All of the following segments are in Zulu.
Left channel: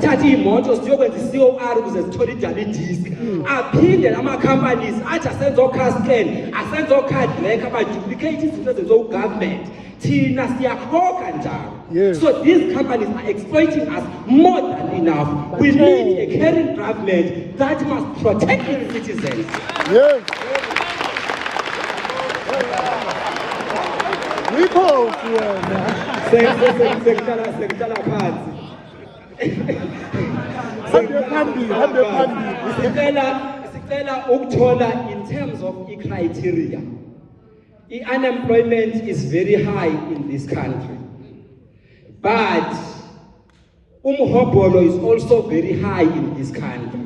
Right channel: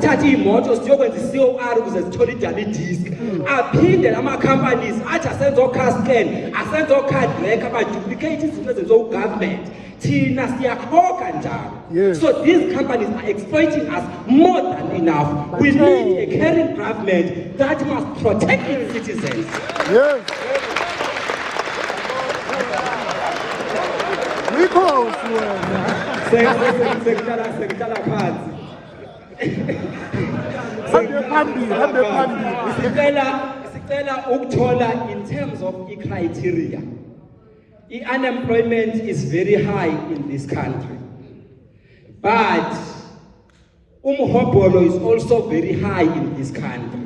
sithathe imoto siyokwenza i-COR ukuze sithole idala disk aphinde lama companies athi asenze o-car scan asenze o-card tracker baduplicate izinto ezenziwe u-government thina siyakhokha njalo. So these companies are exploiting us more than enough. We need a caring government that must protect its citizens. Yes. In terms of the criteria, the unemployment is very high in this country, but umhobolo is also very high in this country.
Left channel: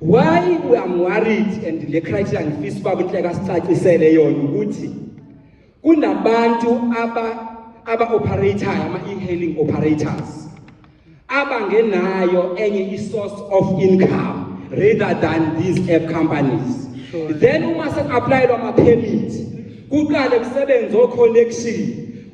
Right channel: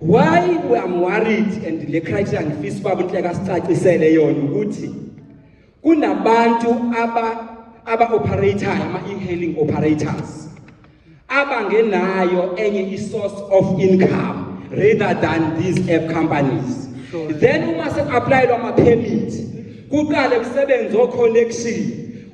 Why we are worried and the criteria and kunabantu aba-operator ama-e-hailing operators abangenayo enye i-source of income rather than these app companies. Then uma sek-applyelwa ama-permit kuqale kusebenze o-connection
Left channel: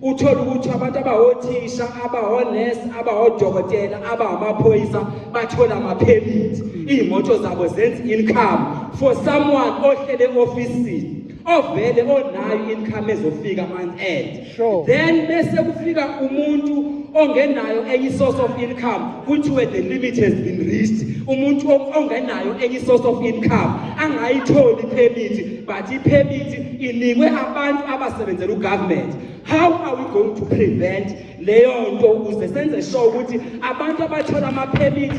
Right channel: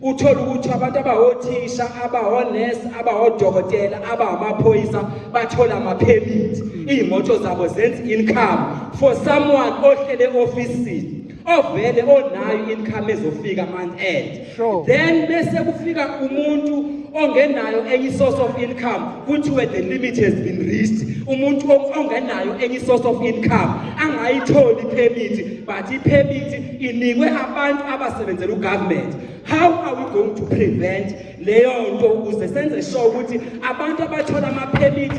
uthola ukuthi abantu abahothisha abahonesi abahodokotela abamaphoyisa bathola ama-permit iy'moto zabo zenza income for someone ohlele ofisini ovele onayo income ezofika month end. Then bese kufika umuntu ongenayo any source of income kuthiwe the limit has been reached. Umuntu ongenayo any source of income angayitholi permit, but i-permit inikwe abantu abasebenzela u-government. How are we going to prevent leyo nto ukuze senze sure ukuthi abantu abathola ama-permit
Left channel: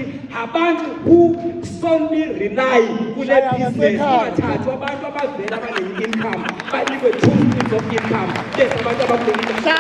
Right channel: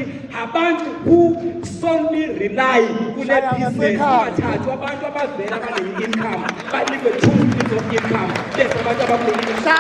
abantu who solely rely kule business bathathu abantu abavela banene income banikwe 2 streams of income bese abantu abakholisa